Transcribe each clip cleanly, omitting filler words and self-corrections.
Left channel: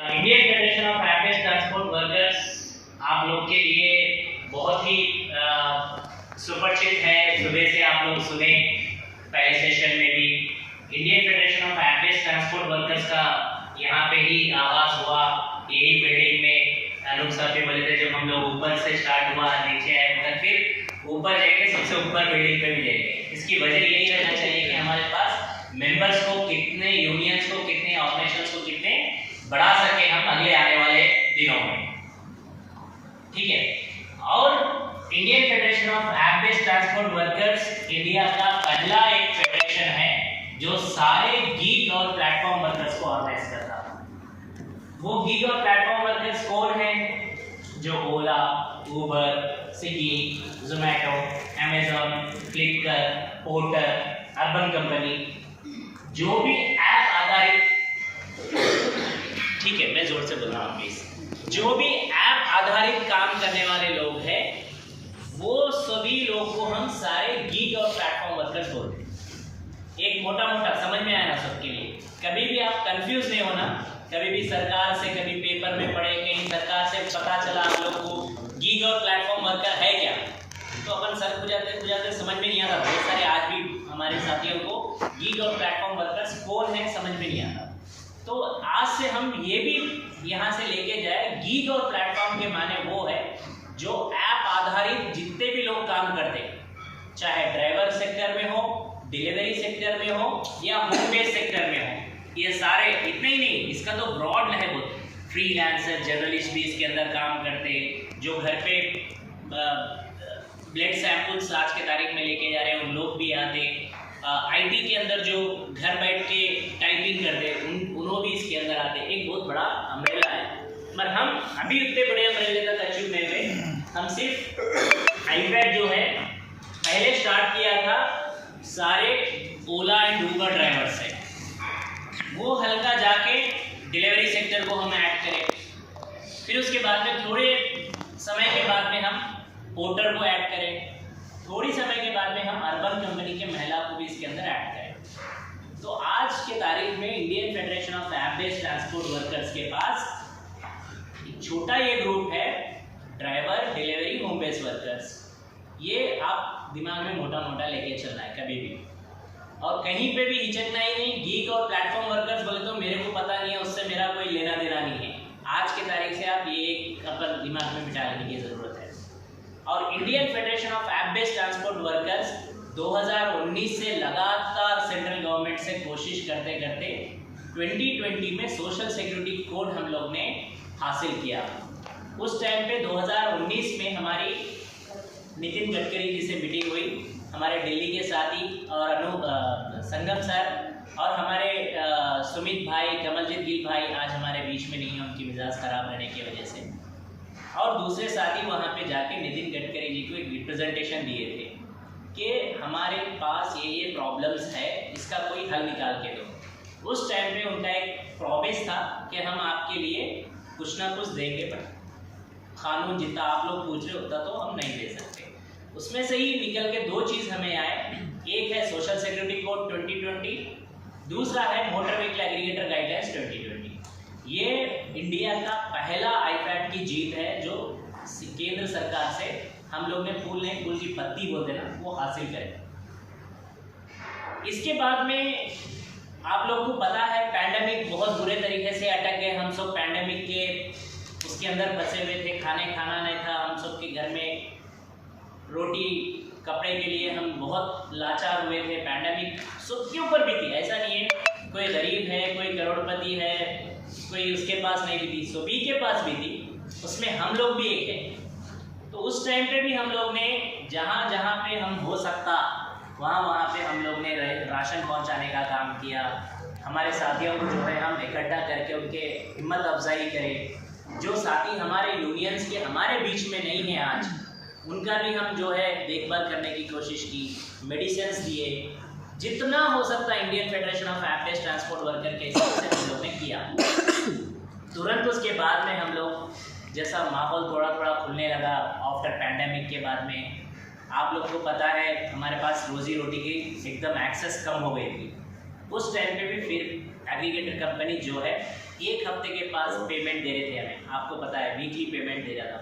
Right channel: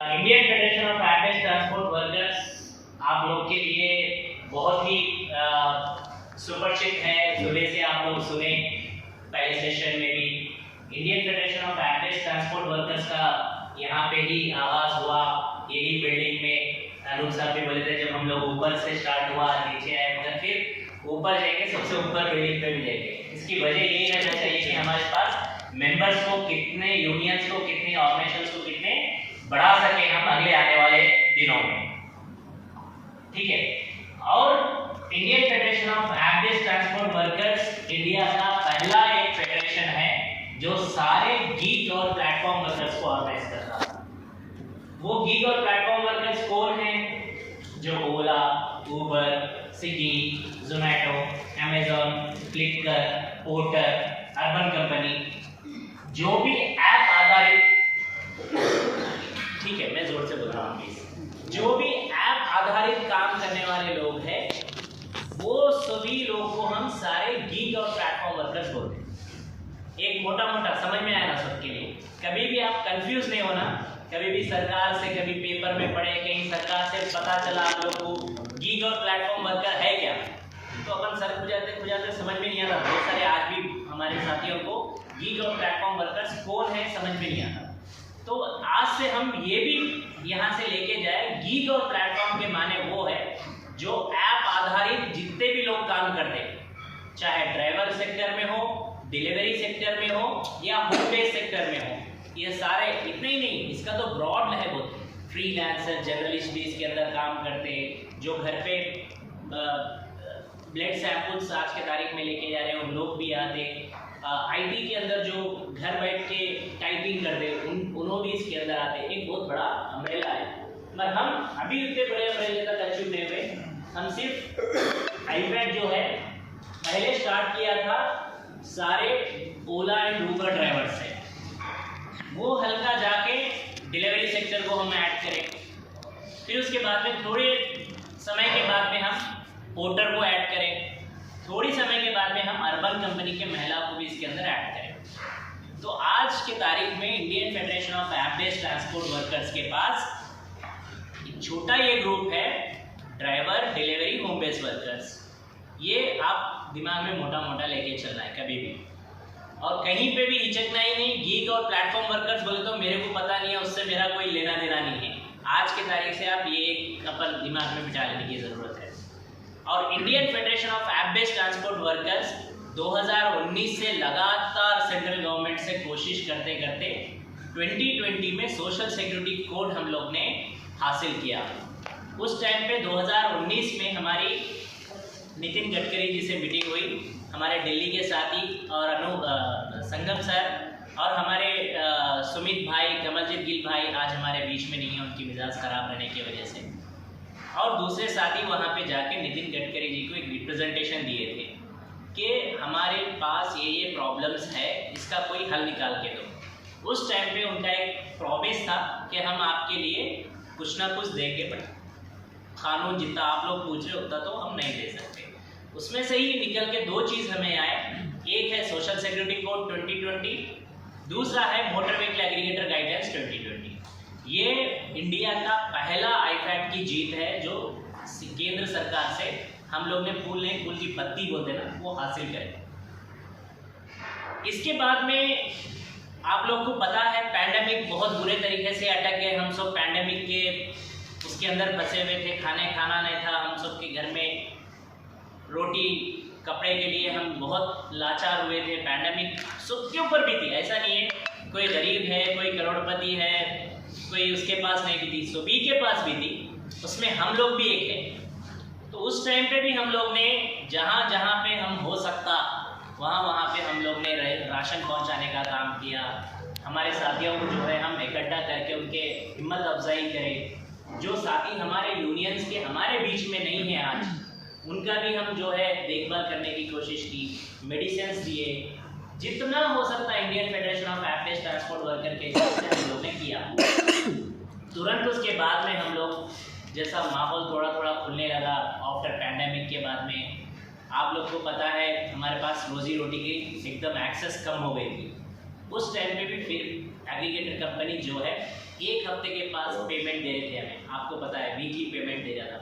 Indian federation of average transport workers आप लोग के लिए बहुत ही सुपरिचित है। सुबह से आप लोग सुने पहले सेशन में भी Indian federation of average transport workers का यहाँ पे ही आगाज हुआ, यही बिल्डिंग में। अनूप साहब भी बोले थे जब हम लोग ऊपर से स्टार्ट हुआ, नीचे आए, मगर फिर ऊपर जाके सबसे ऊपर बिल्डिंग पे भी जाएंगे। इसकी वजह यही रहना चाहिए कि हमारे पास मेंबर्स को कितने, यूनियंस को कितने, ऑर्गेनाइजेशंस को कितने बढ़ा सके हम अगले आने वाले दिनों में, ठीक है। और Indian federation of average transport workers India का पहला एक फेडरेशन है जो सारे गीग और प्लेटफॉर्म वर्कर्स को ऑर्गेनाइज करता है। वो गीग और प्लेटफॉर्म वर्कर्स कौन है? जो Ola, Uber, Swiggy, Zomato, Amazon, Flipkart, Porter, Urban Company, जो भी ऐप आधारित, ठीक है मैं जोर से बोल रहा हूँ प्लीज, जो भी ऐप आधारित काम करने वाले लोग हैं वो सभी लोग को हम सारे गीग और प्लेटफॉर्म वर्कर्स बोलते हैं। एक मोटा मोटा समझ में आया ना सबके लिए? कभी भी आप कंफ्यूज नहीं होना। कभी भी सरकार से कभी पेपर में पढ़े, कहीं सरकार से पता चला आप लोग को गीग और प्लेटफॉर्म वर्कर है क्या, तो अपन सर खुजाते समझ में नहीं आता। बहुत सारे आज भी हमारे साथियों को गीग और प्लेटफॉर्म वर्कर्स कौन है समझ में नहीं आता। तो आज से हम ये भी यहाँ से लेके जाए, गीग और प्लेटफॉर्म के माने वो है जो ऐप आधारित जितने भी लोग काम करते हैं, चाहे ड्राइवर सेक्टर में हो, डिलीवरी सेक्टर में हो या होम बेस्ड सेक्टर में हो, ये सारे, इतने ही नहीं, इसका तो ब्रॉड है बहुत। फ्रीलांसर, जर्नलिस्ट भी इसके अंदर काम करते हैं, जो घर पे ब्लड सैंपल्स आज के तारीख में लेके जा रहे हैं उन लोग भी आते। आईटी के अंदर जो घर बैठ के टाइपिंग करते उन्होंने भी इसके अंदर आते। एक बहुत बड़ा अम्ब्रेला है, मगर हम अभी उतने बड़े अम्ब्रेले तक अचीव नहीं हुए। हम सिर्फ आईपैड जो है पहले स्टार्ट किया था सारे ओला एंड उबर ड्राइवर से, वो हल्का जाके डिलीवरी सेक्टर को हम ऐड करें। फिर उसके बाद में थोड़े समय के बाद में हम पोर्टर को ऐड करें, थोड़ी समय के बाद में हम अर्बन कंपनी के महिला को भी इसके अंदर ऐड करें। तो आज के तारीख में Indian federation of average transport workers के पास एक छोटा ये ग्रुप है, driver, delivery, home based workers. ये आप दिमाग में मोटा मोटा लेके चलना है कभी भी, और कहीं पे भी हिचकना ही नहीं। गीग और प्लेटफॉर्म वर्कर्स बोले तो मेरे को पता नहीं है, उससे मेरा कोई लेना देना नहीं है। आज के तारीख से आप ये एक अपन दिमाग में बिठा लेने की ज़रूरत है। और Indian federation of average transport workers 2019 से लगातार सेंट्रल गवर्नमेंट से कोशिश करते करते 2020 में सोशल सिक्योरिटी कोड हम लोग ने हासिल किया। उस टाइम पे 2019 में हमारी नितिन गडकरी जी से मीटिंग हुई, हमारे दिल्ली के साथी और संगम सर और हमारे सुमित भाई, कमलजीत गिल भाई आज हमारे बीच में नहीं है, उनकी मिजाज खराब रहने की वजह से। और दूसरे साथी वहाँ पे जाके नितिन गडकरी जी को एक रिप्रेजेंटेशन दिए थे कि हमारे पास ये प्रॉब्लम्स है, इसका कोई हल निकाल के दो। उस टाइम पे उनका एक प्रॉमिस था कि हम आपके लिए कुछ ना कुछ देंगे, बट कानून जितना आप लोग पूछ रहे उतना तो हम नहीं दे सकते। उसमें से ही निकल के दो चीज़ हमें आए, एक है सोशल सिक्योरिटी कोड 2020, दूसरा है मोटर व्हीकल एग्रीगेटर गाइडलाइंस 2020। ये इंडिया का पहला आईपैड की जीत है जो केंद्र सरकार से हम लोग ने फूल नहीं, फूल की पत्ती बोलते ना, वो हासिल करें। इसके बाद में आप लोग को पता है पैंडेमिक बहुत बुरे तरीके से अटक गए। हम सब पैंडेमिक के उसके अंदर फंसे हुए थे, खाना नहीं था, हम सब के घर में रोटी कपड़े के लिए हम बहुत लाचार हुए थे। पैंडेमिक सबके ऊपर भी थी, ऐसा नहीं है कोई गरीब है, कोई करोड़पति है, कोई उसके पास नहीं भी थी, सभी के पास भी थी, उसमें हम लोग भी एक है। तो उस टाइम पे भी हम लोग ने जहाँ जहाँ पे हम हो सकता वहाँ पे हम लोग ने राशन पहुँचाने का काम किया। हमारे साथियों को जो है हम इकट्ठा करके उनके हिम्मत अफजाई करें। जो साथी हमारे यूनियंस के हमारे बीच में नहीं है आज, उनका भी हम जो है देखभाल करने की कोशिश की, मेडिसिन दिए, जितना हो सकता है Indian federation of average transport worker के हिसाब से हम लोग ने किया। तुरंत उसके बाद में हम लोग जैसा माहौल थोड़ा थोड़ा खुलने लगा आफ्टर पैंडेमिक के बाद में, आप लोग को पता है हमारे पास रोजी रोटी की एकदम एक्सेस कम हो गई थी। उस टाइम पे भी फिर एग्रीगेटर कंपनी जो है 1 हफ्ते के पास पेमेंट दे रहे थे हमें, आपको पता है वीकली पेमेंट दे रहा था।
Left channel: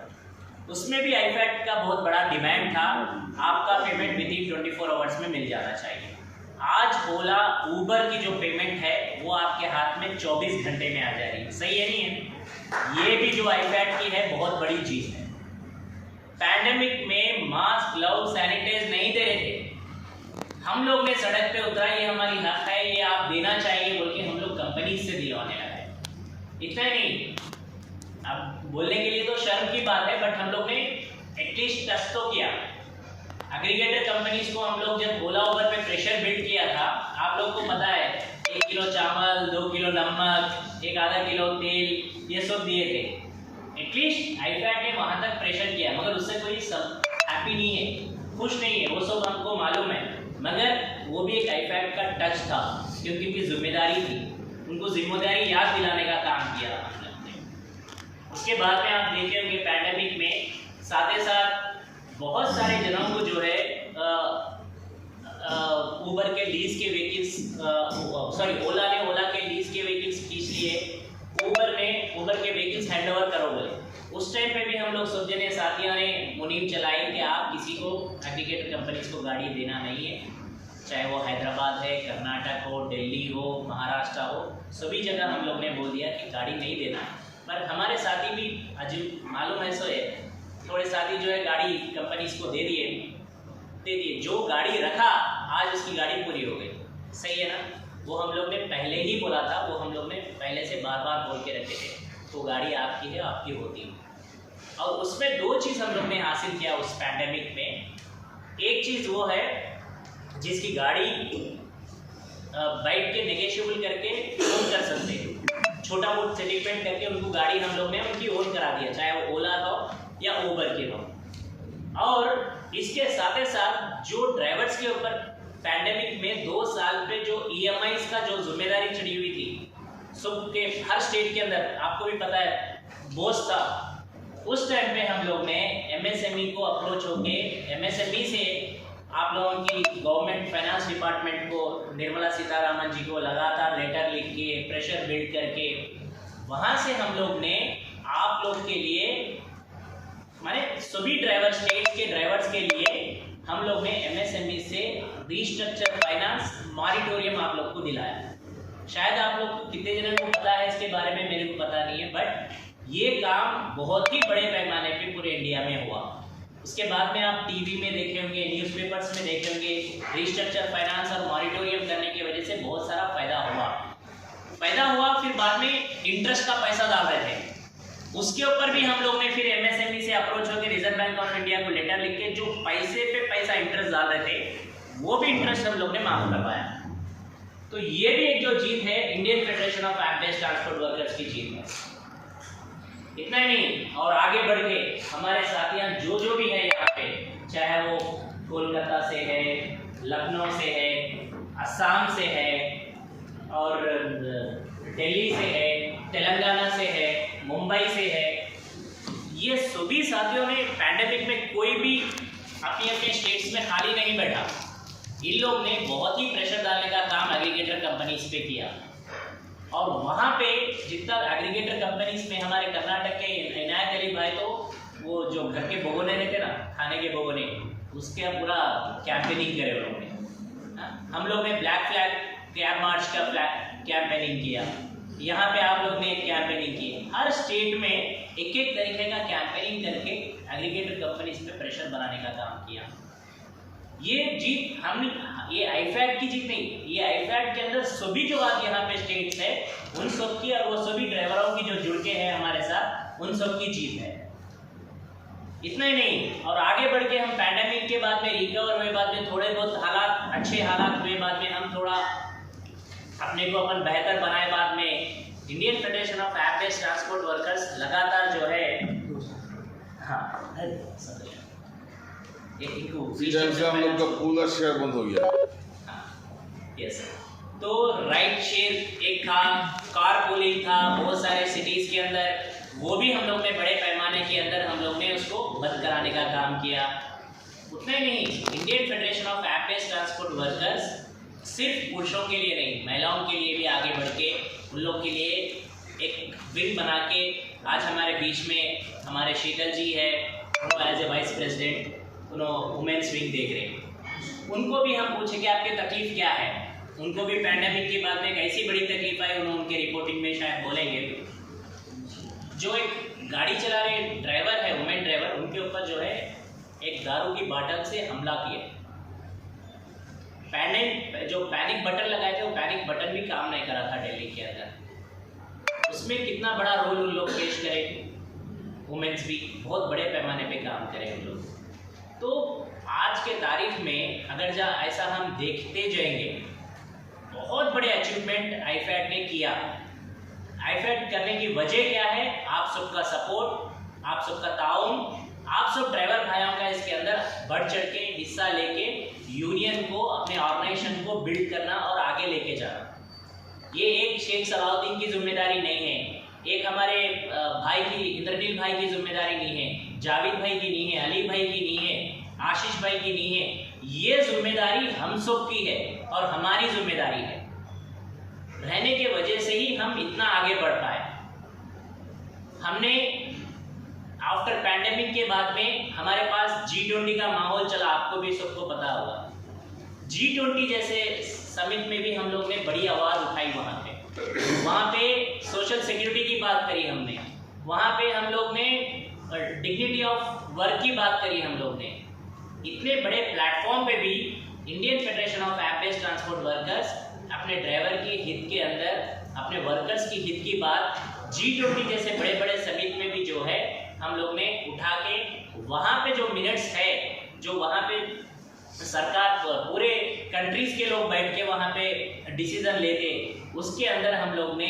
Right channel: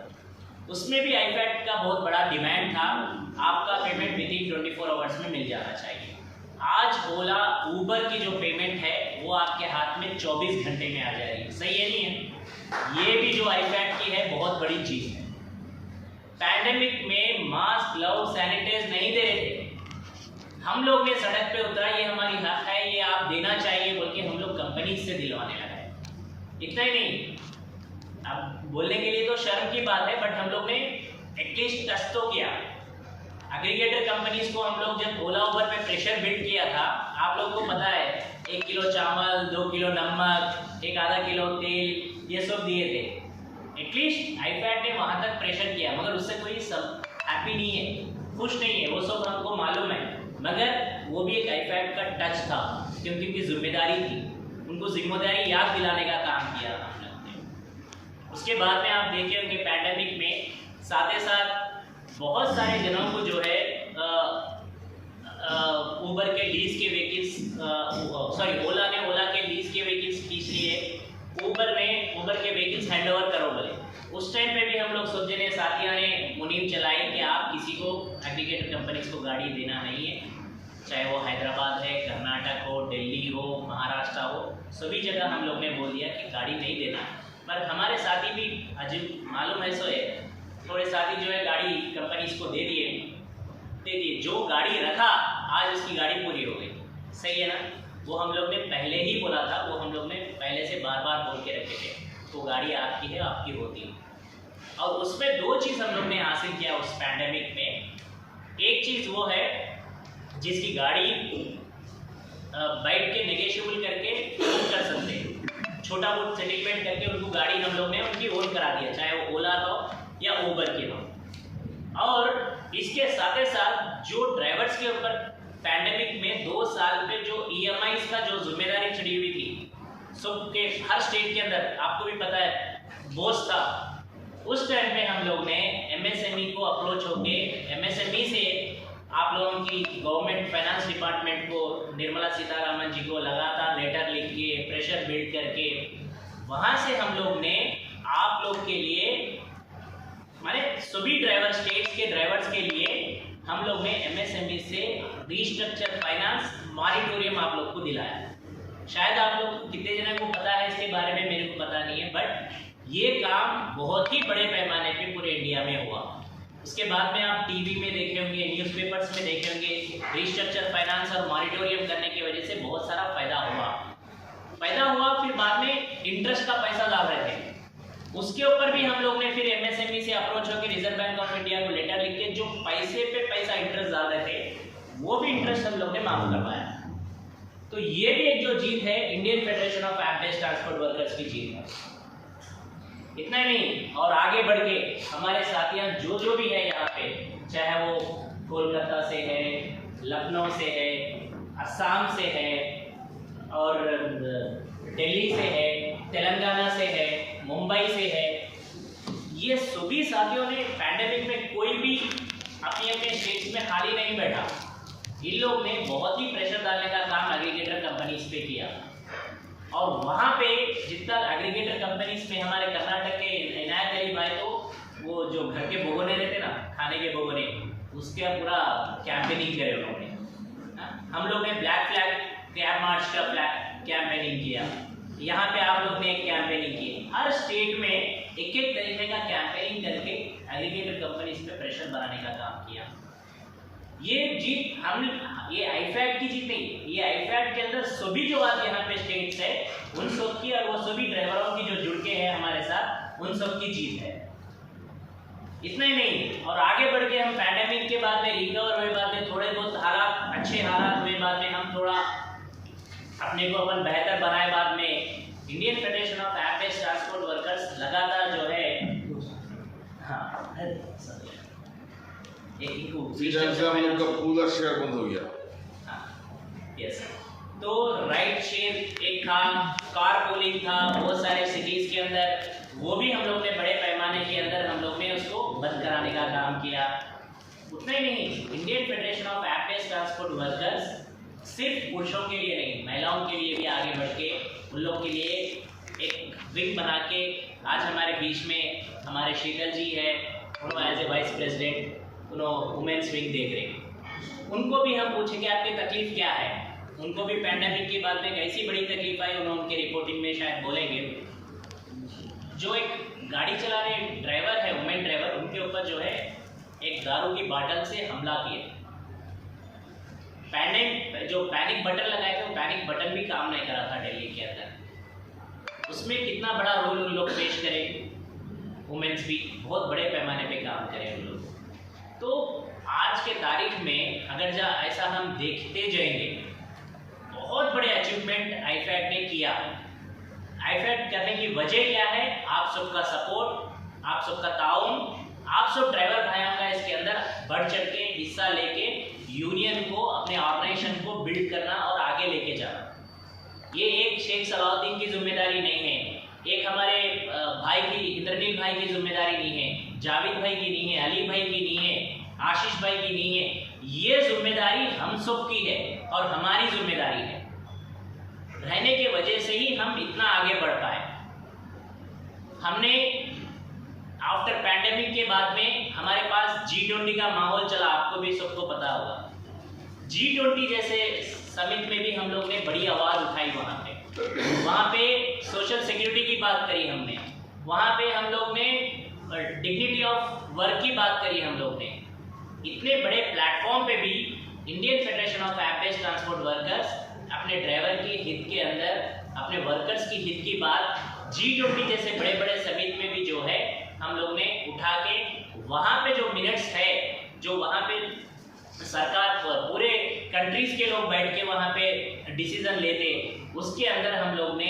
उसमें भी आईफैक्ट का बहुत बड़ा डिमांड था, आपका पेमेंट विद इन 24 आवर्स में मिल जाना चाहिए। आज ओला ऊबर की जो पेमेंट है वो आपके हाथ में 24 घंटे में आ जा रही है, सही है नहीं है? ये भी जो आईफैक्ट की है बहुत बड़ी चीज़ है। पैंडेमिक में मास्क, ग्लव, सैनिटाइज नहीं दे रहे थे, हम लोग ने सड़क पे उतरा, ये हमारी हक है, ये आप देना चाहिए बोल के हम लोग कंपनी से दिलवाने लगे। इतना ही नहीं, अब बोलने के लिए तो शर्म की बात है, बट हम लोग ने एटलीस्ट टच तो किया। एग्रीगेटर कंपनीज को हम लोग जब ओला उबर पे प्रेशर बिल्ड किया था, आप लोग को पता है 1 किलो चावल, 2 किलो नमक, 1 आधा किलो तेल, ये सब दिए थे। एटलीस्ट आईफैक्ट ने वहाँ तक प्रेशर किया, मगर उससे कोई सब हैप्पी नहीं है, खुश नहीं है, वो सब हमको मालूम है। मगर वो भी एक आईफैक्ट का टच था, क्योंकि उनकी जिम्मेदारी थी, उनको जिम्मेदारी याद दिलाने का काम किया हम लोग ने। उसके बाद में आप देखे होंगे पैंडेमिक में साथ ही साथ बहुत सारे जनों को जो है ऊबर के लीज के व्हीकल्स, ओला ने ओला के लीज के व्हीकल्स खींच लिए, ऊबर के व्हीकल्स हैंड ओवर करो बोले। उस टाइम पे भी हम लोग सब जने साथियों ने मुनीम चलाई कि आप किसी को एग्रीगेटर कंपनीज को गाड़ी देना नहीं है, चाहे वो हैदराबाद है, कर्नाटक हो, दिल्ली हो, महाराष्ट्र हो, सभी जगह हम लोग ने बोल दिया कि गाड़ी नहीं देना है। पर हमारे साथी भी अजीब मालूम है, सो है थोड़े साथी जो है गाड़ी कंपनीज को दे दिए, जो गाड़ी रखा आज उसकी गाड़ी पूरी हो गई, सही है ना? वो हम लोग ने पहले ही बोला था, वो हम लोग ने पहले से बार बार बोल के रखे थे, तो गाड़ी आपकी है, आपकी होती है। और उसमें 2 चीज़ हम लोग ने हासिल किया उस पैंडेमिक में। एक चीज़ वो है जिसकी गाड़ी बैठ के नेगोशिएबल करके ओन कर सकते हैं, छोटा बहुत सेटिलमेंट करके उनको गाड़ी हम लोग ने उनकी ओन करा दिया, चाहे वो ओला का हो या ऊबर की हो। और इसके साथ ही साथ जो ड्राइवर्स के ऊपर पैंडेमिक में 2 साल पे जो EMIs का जो जिम्मेदारी चढ़ी हुई थी, सबके हर स्टेट के अंदर आपको भी पता है बोझ था, उस टाइम पे हम लोग ने MSME को अप्रोच होके MSME से आप लोगों की गवर्नमेंट फाइनेंस डिपार्टमेंट को, निर्मला सीतारामन जी को लगातार लेटर लिख के प्रेशर बिल्ड करके वहाँ से हम लोग ने आप लोग के लिए, माने सभी ड्राइवर स्टेट्स के ड्राइवर्स के लिए हम लोग ने MSME से रीस्ट्रक्चर फाइनेंस मॉरिटोरियम आप लोग को दिलाया। शायद आप लोग को कितने जनों को पता है इसके बारे में, मेरे को पता नहीं है, बट ये काम बहुत ही बड़े पैमाने पे पूरे इंडिया में हुआ। उसके बाद में आप टीवी में देखे होंगे, न्यूज़पेपर्स में देखे होंगे, रीस्ट्रक्चर फाइनेंस और मॉरिटोरियम करने की वजह से बहुत सारा फायदा हुआ। फिर बाद में इंटरेस्ट का पैसा डाल रहे थे, उसके ऊपर भी हम लोग ने फिर MSME से अप्रोच होकर रिजर्व बैंक ऑफ इंडिया को लेटर लिख के जो पैसे पे पैसा इंटरेस्ट डाल रहे थे, वो भी इंटरेस्ट हम लोग ने माफ करवाया। तो ये भी एक जो जीत है Indian federation of employees transport workers की जीत है। इतना ही नहीं, और आगे बढ़ के हमारे साथियां जो भी है यहाँ पे, चाहे वो कोलकाता से है, लखनऊ से है, असम से है, और दिल्ली से है, तेलंगाना से है, मुंबई से है, ये सभी साथियों ने पैंडेमिक में कोई भी अपने अपने स्टेट्स में खाली नहीं बैठा। इन लोग ने बहुत ही प्रेशर डालने का काम एग्रीगेटर कंपनीज पे किया, और वहाँ पे जितना एग्रीगेटर कंपनीज में हमारे कर्नाटक के इनायत अली भाई, तो वो जो घर के भगोने रहते ना, खाने के भगोने, उसके पूरा कैंपेनिंग करे उन्होंने। हम लोग ने ब्लैक फ्लैग कैब मार्च का कैंपेनिंग किया, यहाँ पे आप लोग ने एक कैंपेनिंग की। हर स्टेट में एक तरीके का कैंपेनिंग करके एग्रीगेटर कंपनीज पे प्रेशर बनाने का काम किया। ये जीत ये आईफैक्ट की जीत नहीं, ये आईफैक्ट के अंदर सभी जो आज यहाँ पे स्टेट्स है उन सब की, और वो सभी ड्राइवरों की जो जुड़ के हैं हमारे साथ, उन सब की जीत है। इतना ही नहीं, और आगे बढ़ के हम पैंडेमिक के बाद में रिकवर हुए, बाद में थोड़े बहुत हालात अच्छे हालात हुए, बाद में हम थोड़ा अपने को अपन बेहतर बनाए, बाद में Indian federation of employees transport workers लगातार जो है, हाँ पूरा शेयर बंद हो गया। यस, तो राइड शेयर एक था, कार पूलिंग था, बहुत सारे सिटीज के अंदर, वो भी हम लोग ने बड़े पैमाने के अंदर हम लोग ने उसको बंद कराने का काम किया। उतना ही नहीं, Indian federation of employees transport workers सिर्फ पुरुषों के लिए नहीं, महिलाओं के लिए भी आगे बढ़ के उन लोग के लिए एक विंग बना के आज हमारे बीच में हमारे शीतल जी है, उन्होंने एज ए वाइस प्रेसिडेंट उन्होंने वुमेन्स विंग देख रहे हैं। उनको भी हम पूछे कि आपकी तकलीफ क्या है। उनको भी पैंडेमिक के बाद में एक ऐसी बड़ी तकलीफ आई, उन्होंने उनके रिपोर्टिंग में शायद बोलेंगे, जो एक गाड़ी चला रहे ड्राइवर है, वुमेन ड्राइवर, उनके ऊपर जो है एक दारू की बाटल से हमला किया। जो पैनिक बटन लगाए थे वो पैनिक बटन भी काम नहीं करा था दिल्ली के अंदर। उसमें कितना बड़ा रोल उन लोग पेश करें, वुमेन्स भी बहुत बड़े पैमाने पे काम करें उन लोग। तो आज के तारीख में अगर ऐसा हम देखते जाएंगे, बहुत बड़े अचीवमेंट आईफैड ने किया। आईफैड करने की वजह क्या है? आप सबका सपोर्ट, आप सबका ताउन, आप सब ड्राइवर भाइयों का इसके अंदर बढ़ चढ़ के हिस्सा लेके यूनियन को, अपने ऑर्गेनाइजेशन को बिल्ड करना और आगे लेके जाना। ये एक शेख सलाउद्दीन की जिम्मेदारी नहीं है, एक हमारे भाई की, इंद्रनील भाई की जिम्मेदारी नहीं है, जावेद भाई की नहीं है, अली भाई की नहीं है, आशीष भाई की नहीं है। ये जिम्मेदारी हम सब की है और हमारी जिम्मेदारी है। रहने के वजह से ही हम इतना आगे बढ़ पाए। हमने आफ्टर पैंडेमिक के बाद में हमारे पास G20 का माहौल चला, आपको भी सबको पता होगा। G20 जैसे समिट में भी हम लोग ने बड़ी आवाज़ उठाई। वहाँ पे सोशल सिक्योरिटी की बात करी हमने, वहाँ पे हम लोग ने डिग्निटी ऑफ वर्क की बात करी हम लोग ने। इतने बड़े प्लेटफॉर्म पे भी Indian federation of app based transport workers अपने ड्राइवर के हित के अंदर, अपने वर्कर्स की हित की बात G20 जैसे बड़े बड़े समिट में भी जो है हम लोग ने उठा के, वहाँ पे जो मिनट्स है, जो वहाँ पे सरकार पूरे कंट्रीज के लोग बैठ के वहाँ पे डिसीजन लेते, उसके अंदर हम लोग ने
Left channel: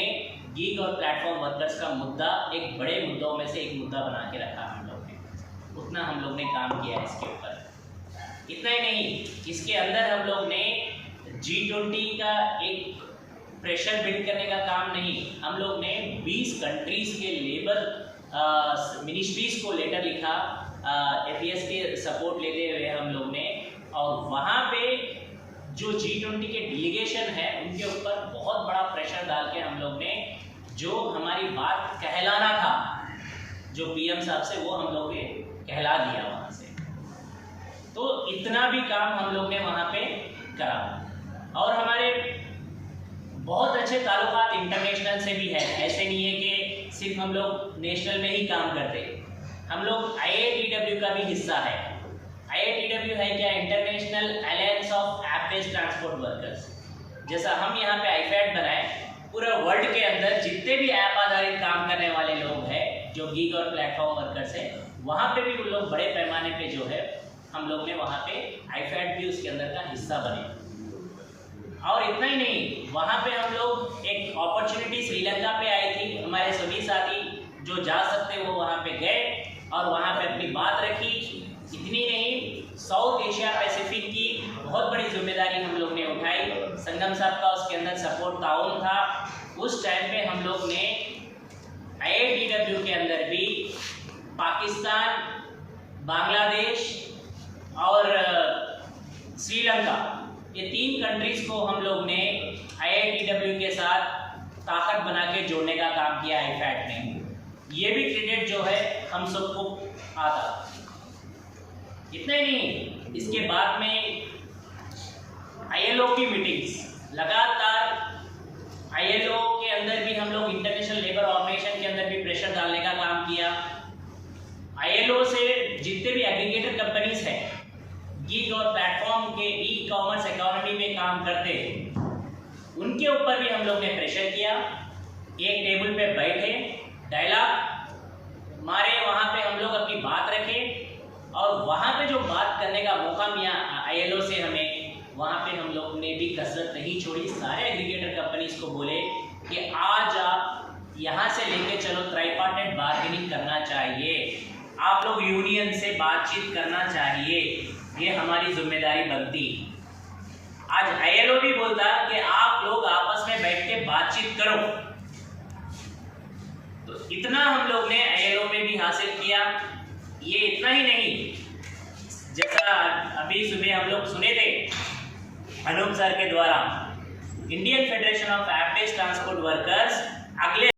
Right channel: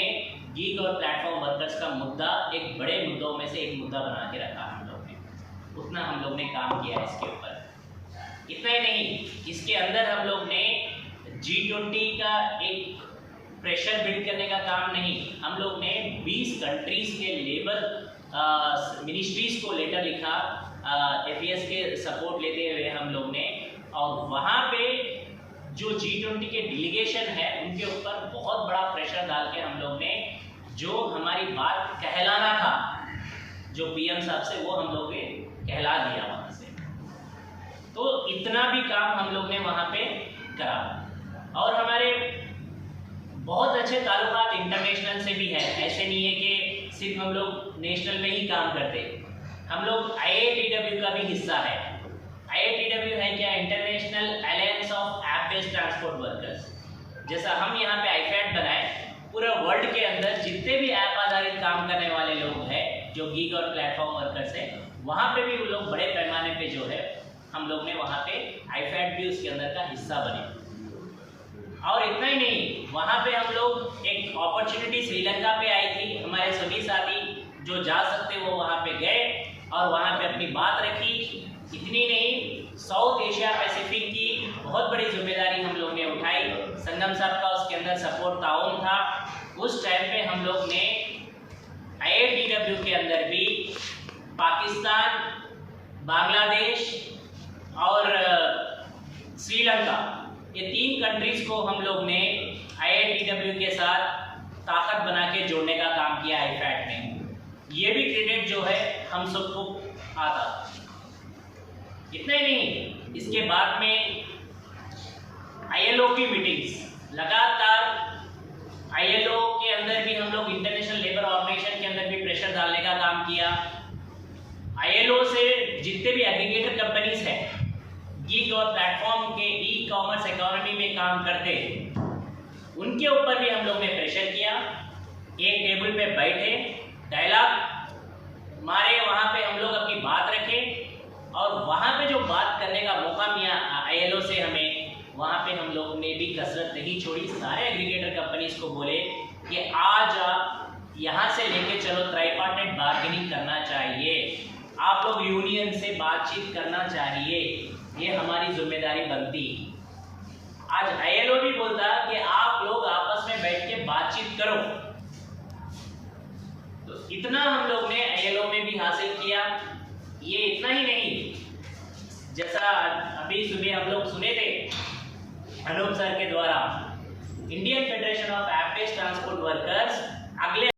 गीग और प्लेटफॉर्म वर्कर्स का मुद्दा एक बड़े मुद्दों में से एक मुद्दा बना के रखा हम लोग ने। उतना हम लोग ने काम किया इसके ऊपर। इतना ही नहीं, इसके अंदर हम लोग ने G20 का एक प्रेशर बिल्ड करने का काम नहीं, हम लोग ने 20 कंट्रीज के लेबर मिनिस्ट्रीज को लेटर लिखा, APS के सपोर्ट लेते हुए हम लोग ने, और वहाँ पे जो G20 के डेलीगेशन है उनके ऊपर बहुत बड़ा प्रेशर डाल के हम लोग ने जो हमारी बात कहलाना था, जो PM साहब से, वो हम लोग ने कहला दिया वहाँ से। तो इतना भी काम हम लोग ने वहाँ पे करा। और हमारे बहुत अच्छे ताल्लुकात इंटरनेशनल से भी है। ऐसे नहीं है कि सिर्फ हम लोग नेशनल में ही काम करते, हम लोग IATW का भी हिस्सा है। IATW है क्या? International alliance of app based transport workers. जैसा हम यहाँ पे आईफैड बनाए, पूरा वर्ल्ड के अंदर जितने भी ऐप आधारित काम करने वाले लोग हैं, जो गीग और प्लेटफॉर्म वर्कर्स हैं, वहाँ पे भी उन लोग बड़े पैमाने पे जो है हम लोग ने वहाँ पे आईफैड भी उसके अंदर का हिस्सा बने। और इतना ही नहीं, वहाँ पे हम लोग एक अपॉर्चुनिटी श्रीलंका पे आई थी, हमारे सभी साथी जो जा सकते वो वहाँ पे गए और वहाँ पे अपनी बात रखी। इतनी नहीं, साउथ एशिया पैसिफिक की बहुत बड़ी जिम्मेदारी हम लोग ने उठाई। संगम साहब का उसके अंदर सपोर्ट ताउन था। उस टाइम पे हम लोग ने IATW के अंदर भी पाकिस्तान, बांग्लादेश और श्रीलंका, ये 3 कंट्रीज को हम लोग ने IATW के साथ ताकत बना के जोड़ने का काम किया आईफैड में। ये भी क्रेडिट जो है हम सबको आता। इतना ही नहीं, इसके बाद में ILO की मीटिंग्स लगातार, ILO के अंदर भी हम लोग इंटरनेशनल लेबर ऑर्गेनाइजेशन के अंदर भी प्रेशर डालने का काम किया। ILO से जितने भी एग्रीगेटर कंपनीज हैं, गीग और प्लेटफॉर्म के ई-कॉमर्स इकोनॉमी में काम करते, उनके ऊपर भी हम लोग ने प्रेशर किया। एक टेबल पे बैठे, डायलॉग मारे, वहाँ पे हम लोग अपनी बात रखें और वहाँ पे जो बात करने का मौका मिला ILO से हमें, वहाँ पे हम लोग ने भी कसरत नहीं छोड़ी। सारे एग्रीगेटर कंपनीज को बोले कि आज आप यहाँ से लेके चलो, ट्राइपार्टाइट बार्गेनिंग करना चाहिए, आप लोग यूनियन से बातचीत करना चाहिए, ये हमारी जिम्मेदारी बनती। आज ILO भी बोलता कि आप लोग आपस में बैठ के बातचीत करो। तो इतना हम लोग ने ILO में भी हासिल किया। ये इतना ही नहीं, जैसा अभी सुबह हम लोग सुने थे, अनूप सर के द्वारा Indian federation of apprentice transport workers अगले